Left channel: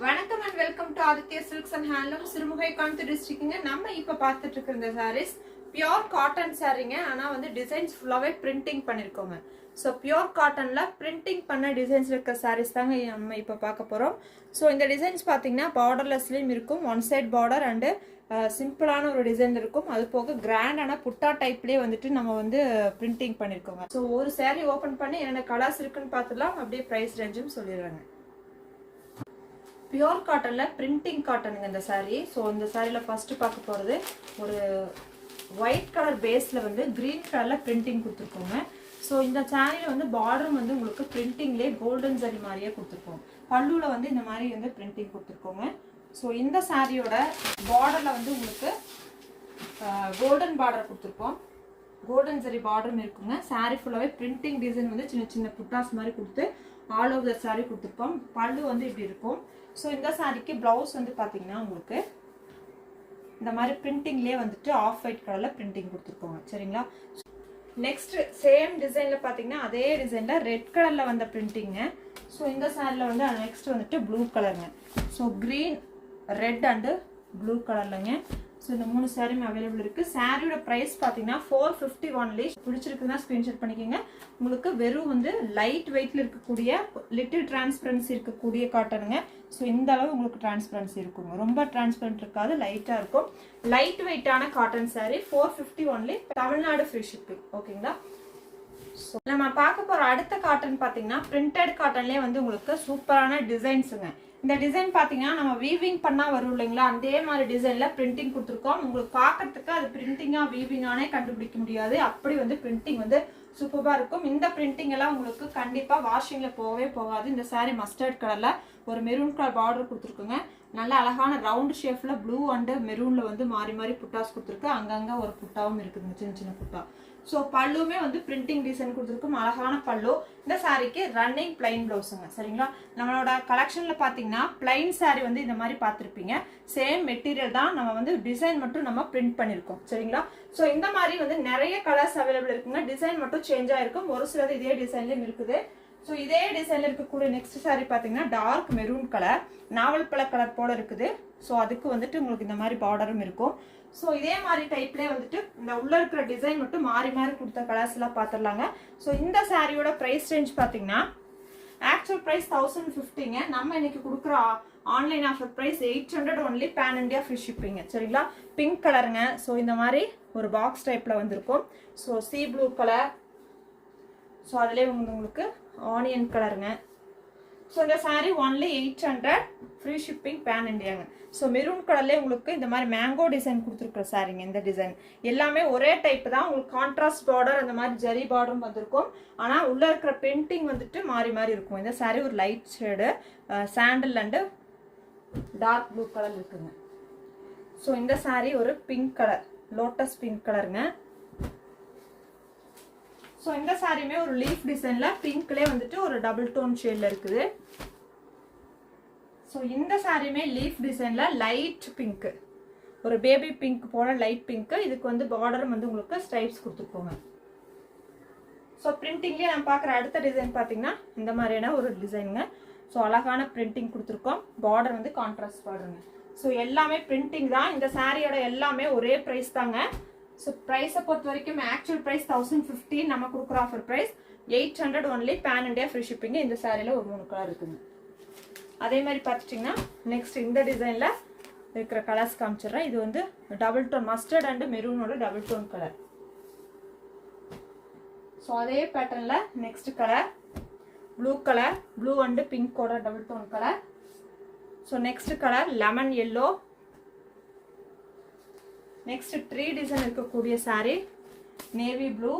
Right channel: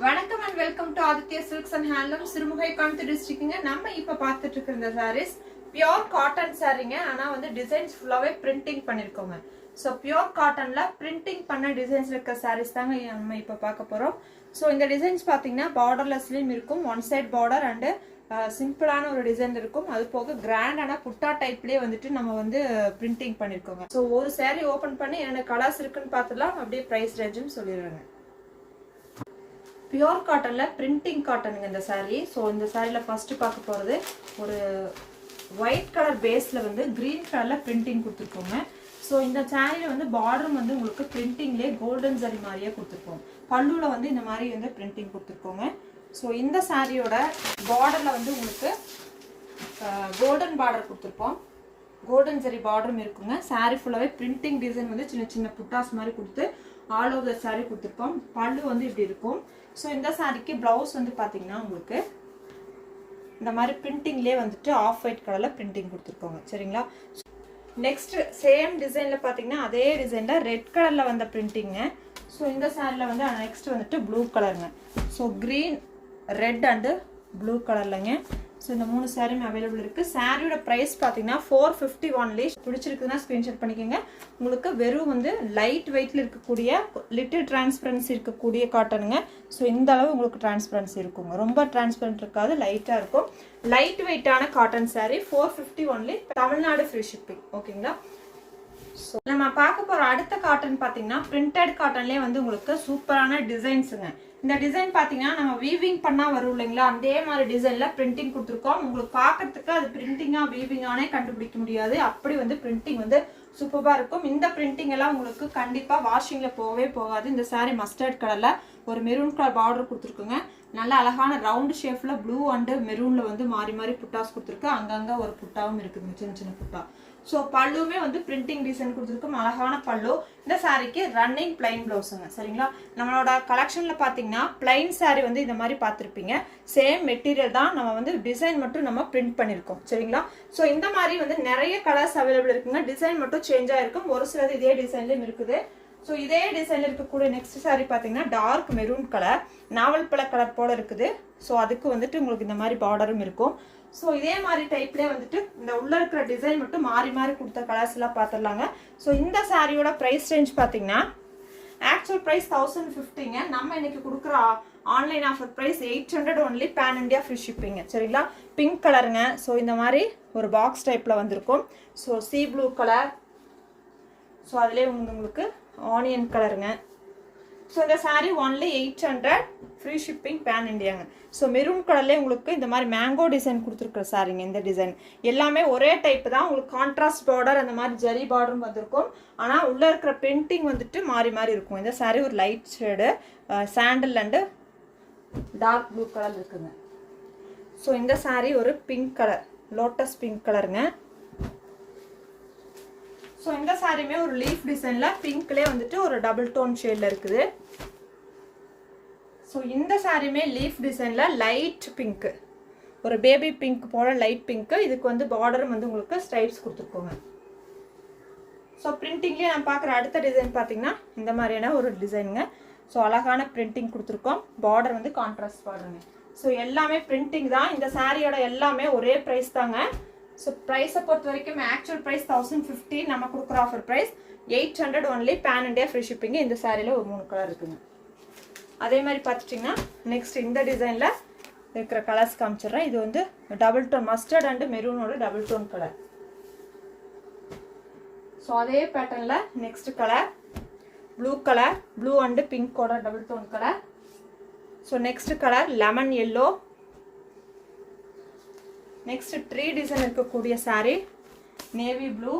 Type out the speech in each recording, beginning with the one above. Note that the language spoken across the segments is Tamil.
வணக்கம் and welcome to Aditya silks and handloom Sirumugai Coimbatore டிஸ்ட்ரிக்ட்ங்க. நம்ம இப்ப பார்த்துட்டு இருக்கிற இந்த சாரீஸ் பியோர் காட்டன் சாரீங்க. ஆனா வந்து டிசைன்ஸ் ஃபுல்லாவே பிரிண்டிங் பண்ணிருக்கோங்க. ஸோ பியோர் காட்டன்ல பிரிண்டிங் பண்ண டிசைன்ஸ் இருக்க சாரீஸ் தாங்க நம்ம இப்ப பார்க்க போறோம். ஸோ இந்த டிசைன்ஸ் பாத்தீங்கன்னா பார்டர்லெஸ்லயும் இருக்கும், ஒன் சைட் பார்டர் அண்ட் சிம்பிளான ஒரு டிசைன் இருக்கும். அது போக கிராண்டான புட்டா டைப்லயே வந்துட்டு நம்ம வந்து பிரிண்டிங் பண்ணிருக்கோங்க. ஸோ ஒரு சாரீ ஓபன் பண்ணி என்னென்ன கலர்ஸ் இருக்குன்னு பார்த்துலாம், அப்படியே பிரைஸ் ரேஞ்சும் சொல்லிடுறாங்க. பியோர் காட்டன்ல பிரிண்டிங் காட்டனுங்க இந்த சாரீ. ஸோ இந்த சாரியில ஃபர்ஸ்ட் பார்க்க போறது ஒரு ஒயிட் கலர் பேஸ்ல வந்து கிரீன் கலர்ல பிரிண்டிங் கொடுத்துருக்கோங்க. ஸோ இந்த சாரியில வந்து பார்டர் வந்து உங்களுக்கு பிரிண்டிங்லேயே கோல்டன் ஜரி மாதிரியே கொடுத்துருக்கோம். பல்லுல வந்து இந்த மாதிரி வந்து பிரிண்டிங் கொடுத்துருக்கோங்க. ஸோ இந்த சாரியோட பார்டர்ல வந்து உங்களுக்கு கோல்டன் பார்டர் கொடுத்துருக்கோம், கோல்டன் ஜரி பார்டரும் இருக்குங்க. சாரி ஃபுல்லாவே பிரிண்டிங் டிசைன் வந்து சின்ன சின்ன புட்டாஸ் மாதிரி கொடுத்து ஆல் ஓவர் த சாரி கொடுத்துருப்போம். பல்லு வந்து இப்படி இருக்கும். ஸோ இந்த சாரிக்கு பிளவுஸ் வந்து பார்த்தீங்கன்னா உங்களுக்கு இந்த மாதிரி பிரிண்டிங்லேயே வந்துட்டு ஆஃப் ஒயிட் கலரில் பிரிண்டிங் கொடுத்துருக்கோங்க. சரிங்களா? நெக்ஸ்ட் சேம் டிசைனில் பார்த்தீங்கன்னா அதே டிசைனில் ரெட் கலரில் வந்த பிரிண்டிங்க. ஸோ இந்த சாரியில் வந்து நெக்ஸ்ட் வந்துட்டு ப்ளூ கலருங்க. So green, red and blue கலர்லங்க. ஸோ இந்த 3 சாரியும் அவைலபிள் இருக்குது. சாரியோட ப்ரைஸ் பார்த்தீங்கன்னா 450 ஒன்லி. பிடிச்சிருக்குதுன்னா ஸ்க்ரீன்ஷாட் பண்ணிக்கோங்க. உங்களுக்கு வெறும் வந்து லைட் வெயிட்டில் இருக்கக்கூடிய லிட்டில் டிரான்ஸ்பரன்சி இருக்கக்கூடிய காட்டனுங்க. ஸோ இந்த அளவு உங்களுக்கு டிரான்ஸ்பரன்சி இருக்குங்க. ரொம்ப டிரான்ஸ்பரண்ட் இருக்காது, லைட்டாக இருக்கும். லைட் வெயிட்டான cotton sorry 450 only. Tamil Nadu free shipping. ஓகேங்களா? ஸோ நம்ம பார்க்க போகிற அடுத்த காட்டன் பார்த்தீங்கன்னா பிரிண்டட் காட்டன்லேயே வந்து உங்களுக்கு சூப்பரான டிசைன்ஸுங்க. இந்த டிசைன் பார்த்தீங்கன்னா நம்ம வீவிங் பண்ணால் வரும் இல்லைங்களா, அதே மாதிரி டிசைனில் பிரிண்டிங் கொடுத்துருக்கோம். உங்களுக்கு பார்க்கறதுக்கு அது பிரிண்டிங்காக வீவிங்கானே கண்டுபிடிக்க முடியாது, அப்படி வந்து பிரிண்டிங் வந்து சூப்பராக இருக்கும். இந்த பிரிண்டிங் எல்லாம் உங்களுக்கு கண்டிப்பாக வாஷிங்கில் போகவே போகாது. இந்த சாரீ மஸ்டர்ட் கலரில் ஒரு மெரூன் கலர் பார்டர் கொடுத்துருக்குங்க. நல்ல அழகான ரவுண்ட் ஷேப்ல ப்ளூ அண்டு மெரூன்ல வந்து மாறி மாறி புட்டாஸ் கொடுத்துருக்கு. அங்கங்க ஒரு புட்டாவும் இருக்குதுங்க, சின்ன சின்ன புட்டா. ஸோ பல்லுமே வந்து பிரிண்டிங் டிசைன் கொடுத்துருக்கும், அழகான பல்லு. இந்த சாரிக்கு ரன்னிங் பிளைன் பிளவுஸுங்க. சரிங்களா? நம்மளோட கலெக்ஷன்ல பாத்தீங்கன்னா பிளைன் சாரி வந்து இந்த மாதிரி பார்த்துருப்பீங்க. சேம் மெட்டீரியல் தான், நம்ம வந்து டிசைன் மட்டும் நம்ம பிரிண்ட் பண்ணிருக்கோம். சரிங்களா? ஸோ இந்த மாதிரி வந்து நிறைய கலர்ஸ் அவைலபிள் இருக்குங்க. டிசைன் மட்டும் சேஞ்ச் ஆயிருக்கும், ஒரு சிலது இதே டிசைன்லயும் இருக்குது. ஸோ இதே டிசைன்ல இருக்கக்கூடிய நெக்ஸ்ட் சாரி பார்த்தீங்கன்னா டார்க் மெரூன் கலர், நாவல் பழ கலர் போல இருக்குது. ஸோ அதுக்கு வந்துட்டு உங்களுக்கு இந்த மாதிரி பார்டரும் இருக்கும். ஸோ இதே மாதிரி டைப்லேயே வந்துட்டு இந்த உள்ள இருக்கிற டிசைன் மட்டும் மாறி மாறி கொடுத்த கலர்ஸ் எல்லாம் பார்த்துடலாங்க. ஸோ இந்த சாரியோட ப்ரைஸ் ரேஞ்ச் பார்த்தீங்கன்னா ஆக்சுவல் ப்ரைஸ் 1050ங்க. நம்ம இன்னைக்கு கொடுக்குற online offer price 800 only, pan India free ஷிப்பிங்க. சரிங்களா? பிங்க் கலருங்க. ஸோ இந்த மாதிரி ஒரு பாக்ஸ் டைப்ல வந்திருக்கும். So sea blue colour, so அதுலேயே உங்களுக்கு ஆனியன் கலருங்க. ஸோ இந்த sari only 800, free shipping, pan இண்டியாங்க. ஸோ மெரூன் கலர்லேயே உங்களுக்கு இந்த மாதிரி மேங்கோ டிசைன் கொடுத்துருக்குற சாரீங்க. இந்த டிசைன் எல்லாமே ஒரே டைப் தான். உங்களுக்கு கான்ட்ராஸ்ட் பார்டர் அந்த மாதிரி ஜரி பார்டரும் வந்திருக்கும். ஆனால் உள்ள இருக்கிற பிரிண்டிங் வந்துட்டு மாறி மாறி இருக்கும். இந்த சாரீ ஒரு light shade sandal and dark blue colour இருக்குங்க. ஸோ இந்த சாரீ ஒரு பிங்க் கலர், லோட்டஸ் பிங்க் கலருங்க. ஸோ இந்த சாரியுமே ஒரு லீஃப் டிசைன்ல பிங்க்லேயே வந்துட்டு ஒரு டபுள் டோன் ஷேட்ல இருக்குது. ஸோ இந்த சாரியுமே லீஃப் டிசைன்ல லைட் பிங்க், ஒரு பேபி பிங்க் போல லைட் பிங்க். இதுக்கு வந்து பார்டரும் வந்து உங்களுக்கு ஸ்ட்ரைப்ஸ் கொடுத்துருக்கோங்க. ஸோ பிரிண்டிங்லேயே நம்ம பார்க்குற அடுத்த டிசைன் பார்த்தீங்கன்னா இந்த மாதிரியான ஒரு டிசைனுங்க. ஸோ அழகான பிரிண்டிங் கொடுத்துருக்கோம். பார்டர் வந்து கான்ட்ராஸ்ட் பார்டருங்க. ஸோ எல்லாமே பிரிண்டிங் தான். இந்த சாரியோட எல்லாமே ஒரே ப்ரைஸ் தாங்க. ஸோ ப்ரைஸை பொறுத்த வரைக்கும் ஆக்சுவல் ப்ரைஸ் 1050, நம்ம கொடுக்குற offer price 800 only, pan India free shipping. இந்த சாரியில் ஒரு 3 கலர் இருக்குங்க. அதே மாதிரி பார்த்துட்டிங்கன்னா நெக்ஸ்ட் இந்த டிசைனில் இருக்கிற கலர்ஸ் காமிச்சிடுறேன். இது வந்து டபுள் டோன் மஸ்டர்ட் அண்டு மெரூனோட டபுள் டோன் கலர். ஸோ அதே பேட்டர்னில் next colour blue colour, blue and பிங்கோட double tone colour. So next colour lemon yellow. Next tree design இருக்கக்கூடிய sari navy blue.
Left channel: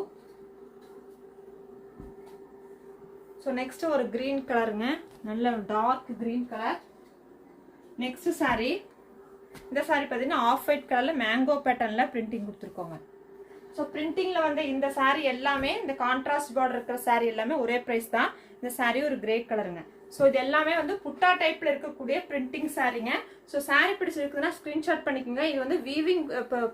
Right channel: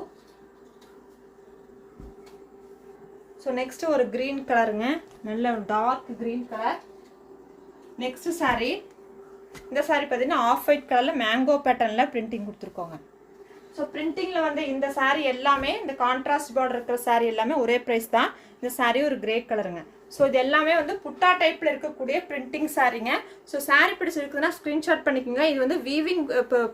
So next ஒரு கிரீன் கலருங்க, நல்ல dark green colour. Next sari, இந்த சாரி பார்த்தீங்கன்னா ஆஃப் ஒயிட் கலர்ல மேங்கோ பேட்டர்ன்ல பிரிண்டிங் கொடுத்துருக்கோங்க. ஸோ பிரிண்டிங்ல வந்து இந்த சாரி எல்லாமே இந்த கான்ட்ராஸ்ட் பார்டர் இருக்கிற சாரி எல்லாமே ஒரே ப்ரைஸ் தான். இந்த சாரி ஒரு கிரே கலருங்க. ஸோ இது எல்லாமே வந்து புட்டா டைப்ல இருக்கக்கூடிய பிரிண்டிங் சாரீங்க. ஸோ சாரீ பிடிச்சிருக்குதுன்னா ஸ்கிரீன்ஷாட் பண்ணிக்கோங்க. இது வந்து வீவிங்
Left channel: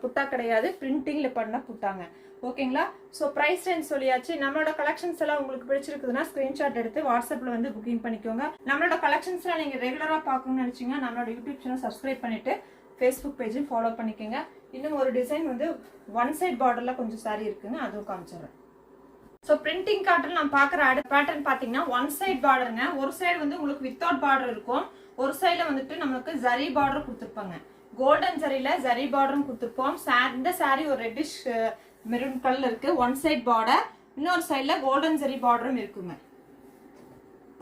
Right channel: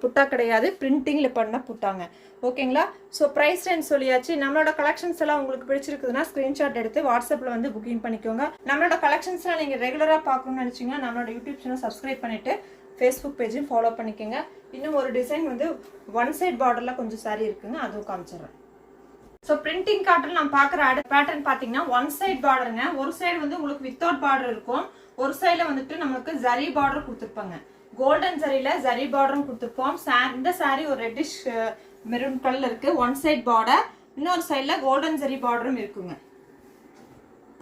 புட்டா கிடையாது, பிரிண்டிங்ல பண்ண புட்டாங்க. ஓகேங்களா? ஸோ ப்ரைஸ் ரேஞ்ச் சொல்லியாச்சு. நம்மளோட கலெக்ஷன்ஸ் எல்லாம் உங்களுக்கு பிடிச்சிருக்குதுன்னா ஸ்கிரீன்ஷாட் எடுத்து வாட்ஸ்அப்ல வந்து புக்கிங் பண்ணிக்கோங்க. நம்மளோட கலெக்ஷன்ஸ்லாம் நீங்க ரெகுலரா பார்க்கணும்னு நினைச்சீங்கன்னா நம்மளோட யூடியூப் சேனல் சப்ஸ்கிரைப் பண்ணிட்டு ஃபேஸ்புக் பேஜையும் ஃபாலோ பண்ணிக்கோங்க. இன்னும் ஒரு டிசைன் வந்து ஒன் சைட் பார்டர்ல கொஞ்சம் சாரி இருக்குங்க, அதுவும் காமிச்சிடுறேன். ஸோ பிரிண்டிங் காட்டன் நான் பார்க்குற அடுத்த பேட்டர்ன் பார்த்தீங்கன்னா ஒன் சைட் பார்டருங்க. ஒரு சைடு வந்து உங்களுக்கு வித்தவுட் பார்டர் இருக்கும், ஒரு சைடில் வந்துட்டு நம்மளுக்கு ஜரி பார்டர் கொடுத்துருப்பாங்க. கோல்டன் ஜரியில ஜரி பார்டரும் கொடுத்துருப்போம். இந்த சாரி ஒரு ரெட்டிஷ் மெரூன் கலர்ல இருக்கு. ஒன் சைட் பார்டர், இன்னொரு சைடில் கோல்டன் ஜரி பார்டரும் இருக்குங்க.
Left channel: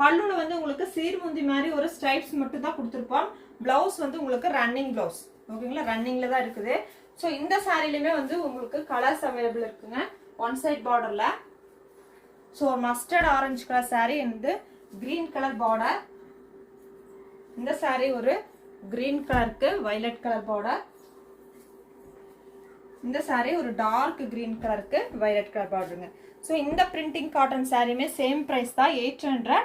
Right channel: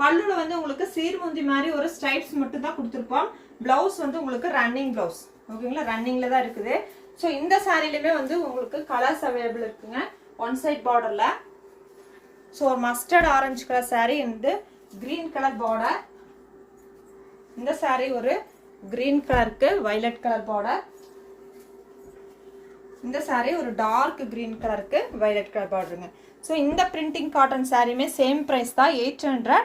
பல்லுல வந்து உங்களுக்கு சீர்முந்தி மாதிரி ஒரு ஸ்ட்ரைப்ஸ் மட்டும் தான் கொடுத்துருப்போம். பிளவுஸ் வந்து உங்களுக்கு ரன்னிங் பிளவுஸ். ஓகேங்களா? ரன்னிங்ல தான் இருக்குது. ஸோ இந்த சாரிலுமே வந்து உங்களுக்கு கலர்ஸ் அவைலபிள் இருக்குங்க ஒன் சைட் பார்டர்ல. ஸோ ஒரு மஸ்டர்ட் ஆரஞ்சு கலர் சாரீ வந்து கிரீன் கலர் பார்டர். இந்த சாரீ ஒரு கிரீன் கலருக்கு வயலட் கலர் பார்டர். இந்த சாரீ ஒரு டார்க் கிரீன் கலருக்கு வயலட் கலர் பார்டருங்க. ஸோ இந்த பிரிண்டிங் காட்டன் சாரியுமே சேம் ப்ரைஸ் தான், 800.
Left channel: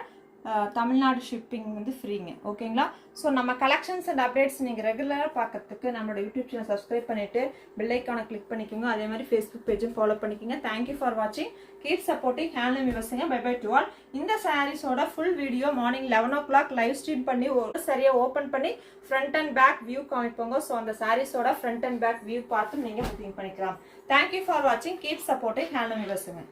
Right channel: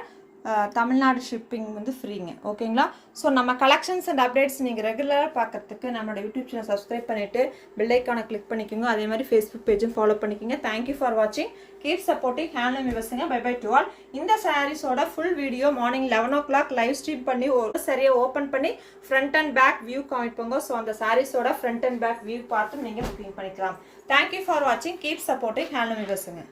தமிழ்நாடு ஷிப்பிங் வந்து ஃப்ரீங்க. ஓகேங்களா? ஸோ நம்ம கலெக்ஷன்ஸ் அண்ட் அப்டேட்ஸ் நீங்கள் ரெகுலராக பார்க்கறதுக்கு நம்மளோட யூடியூப் சேனல் சப்ஸ்கிரைப் பண்ணிட்டு பெல் ஐக்கானை கிளிக் பண்ணிக்கோங்க. அதே மாதிரி ஃபேஸ்புக் பேஜும் ஃபாலோ பண்ணிக்கோங்க. தேங்க்யூ ஃபார் வாட்சிங். கீப் சப்போர்ட்டிங் ஹேண்ட்லூம் விவசாயிங்க. Bye bye to all. இந்த சாரீஸோட full video morning 11 o'clock live stream பண்ணி ஒரு சரியாக ஓப்பன் பண்ணி ஃப்ரண்ட் அண்ட் பேக் வியூ காமிப்போங்க. ஸோ அந்த சாரீஸோட ஃப்ரண்ட் அண்ட் பேக் வியூ பார்த்து நீங்கள் புக்கிங் பண்ணிக்கலாம். தேங்க்யூ ஃபார் வாட்சிங். கீப் சப்போர்ட்டிங் ஹேண்ட்லூம் விவசாயிங்க.